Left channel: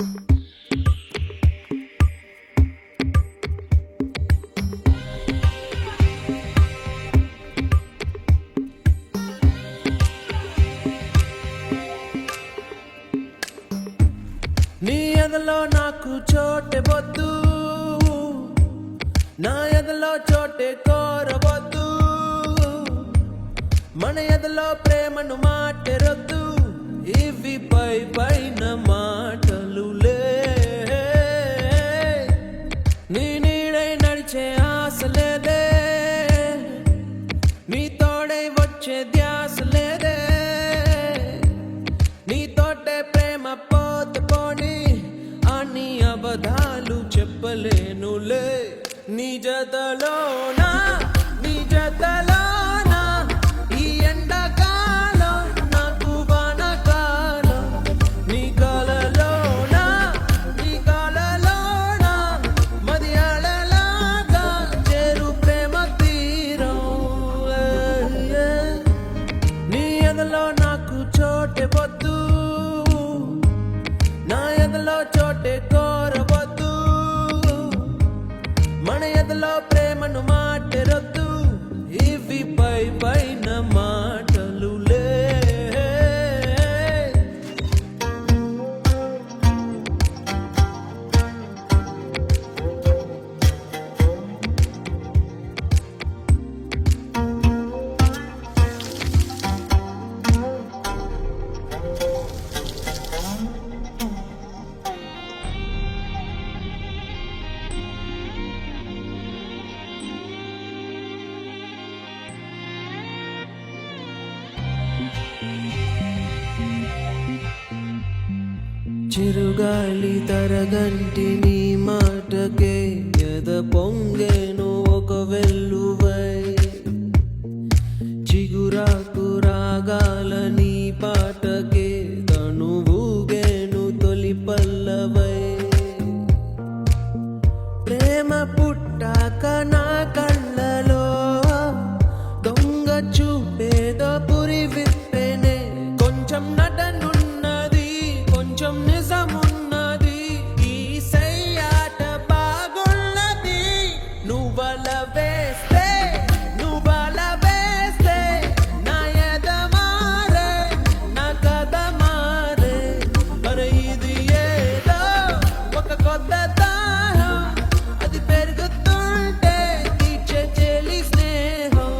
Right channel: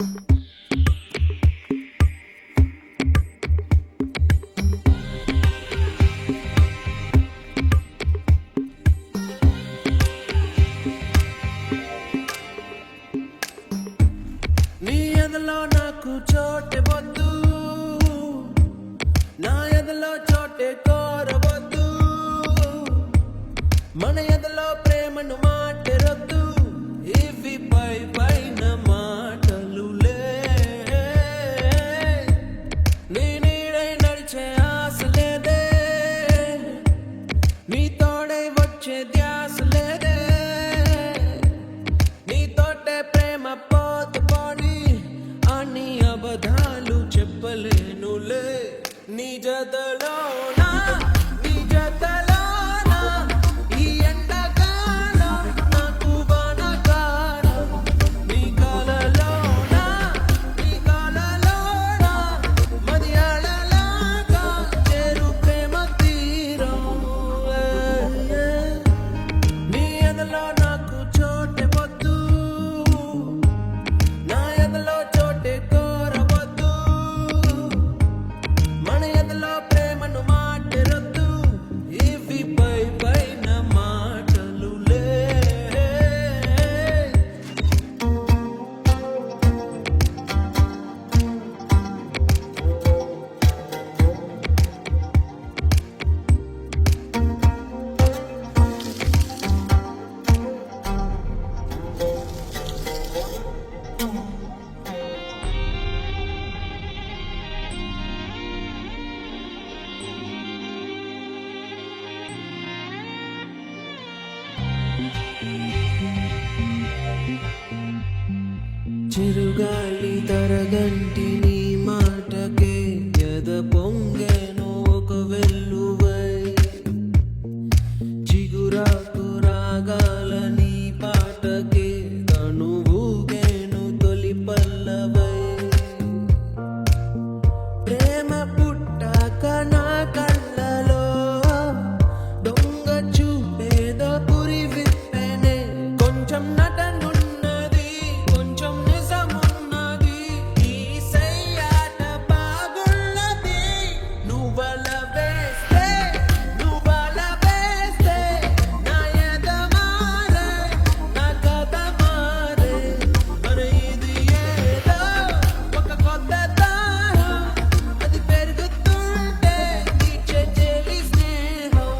నీ ఎదలో నాకు చోటే వద్దు, నా ఎదలో చోటే కోరవద్దు. మన ఎదలో ప్రేమను మాటెరొద్దు, ఇవి పై పైన మాటలులే. నీ నీడై నడిచే ఆశ లేదే, నీ తోడై వచ్చే ధ్యాస లేదే. నీ తోటే ప్రేమ పోతే పోని అని అబద్ధాలు చెప్పలేనులే. నీ జతలోనా, నీ జతలోనా, ఈ ఎండాకాలం నాకు వానకాలం. నీ కలలోనా, నీ కలలోనా, మదియాడలాగా చేరు ప్రేమ తీరం. నీ ఎదలో నాకు చోటే వద్దు, నా ఎదలో చోటే కోరవద్దు. మన ఎదలో ప్రేమను మాటెరొద్దు, ఇవి పై పైన మాటలులే. చిరుగాలి తరగంటి నీ మాటకే ఎద పొంగెను ఒక వెల్లువై. చిగురాకు రాగాల నీ పాటకే తనువుగేను తొలి పల్లవై. ప్రేమ పుట్టాక నా కళ్ళలో దొంగ చూపేదో పురి విప్పెనే. కొంచెం నటనున్నది, కొంచెం నిజమున్నది, ఈ సయ్యాట బాగున్నది. నువ్వల వేస్తే, నువ్వల వేస్తే నా ఎద మారే, నా కథ మారే. అరే ఇది ఏదో ఒక కొత్త దాహం, అది పెరుగుతుంటే తీర్చే చెలి స్నేహం.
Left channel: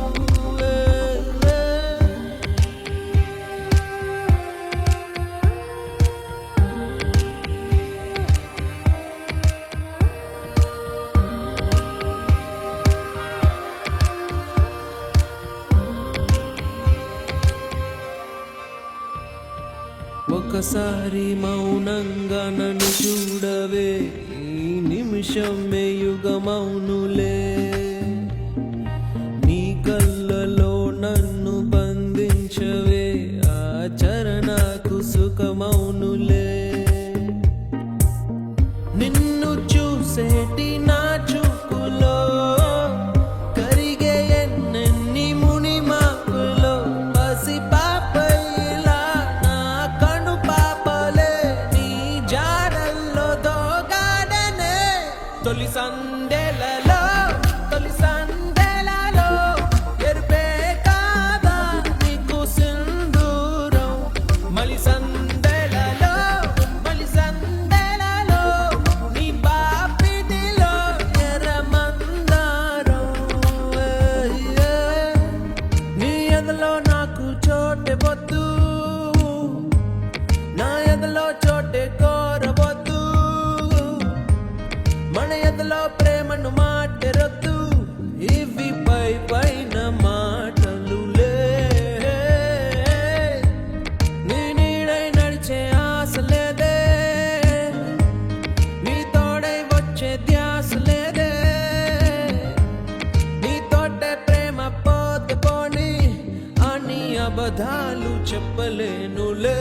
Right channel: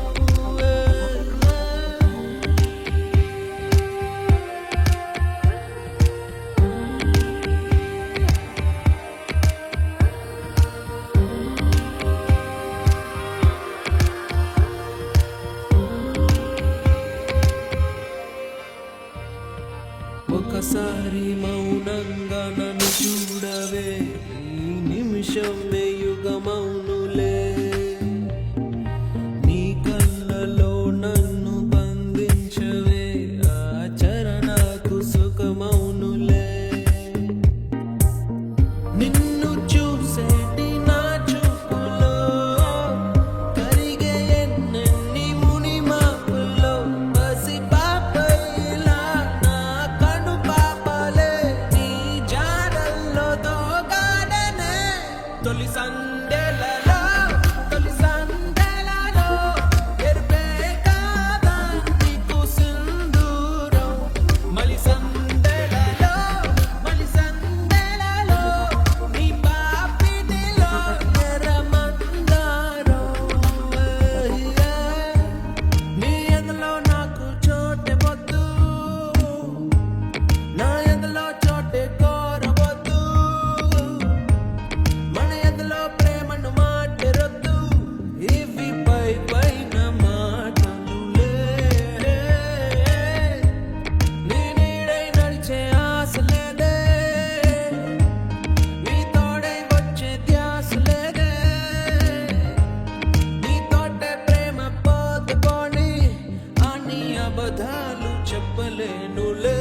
ఒకసారి మౌనంగా నన్ను చూడవే, ఈ నిమిషమే యుగమౌనులే. నీ కళ్ళలో నన్ను బంధించవే, ఆ చరణకు సుఖమౌనులే. నిన్ను చూసేటి నా చూపులో కరిగే ఎన్నెన్ని ముని మాపులో. పసి పాపైలా నా కను పాపలే నీ జాడల్లో దోగాడనే. తొలి సందెలలో, తొలి సందెలలో ఎరుపే కాదా నీకు సింధూరం. మలి సందెలలో, మలి సందెలలో నీ పాపిటిలో ఎర్రమందారం. నీ ఎదలో నాకు చోటే వద్దు, నా ఎదలో చోటే కోరవద్దు. మన ఎదలో ప్రేమను మాటెరొద్దు, ఇవి పై పైన మాటలులే. నీ నీడై నడిచే ఆశ లేదే, నీ తోడై వచ్చే ధ్యాస లేదే. నీ తోటే ప్రేమ పోతే పోని అని అబద్ధాలు చెప్పలేనులే.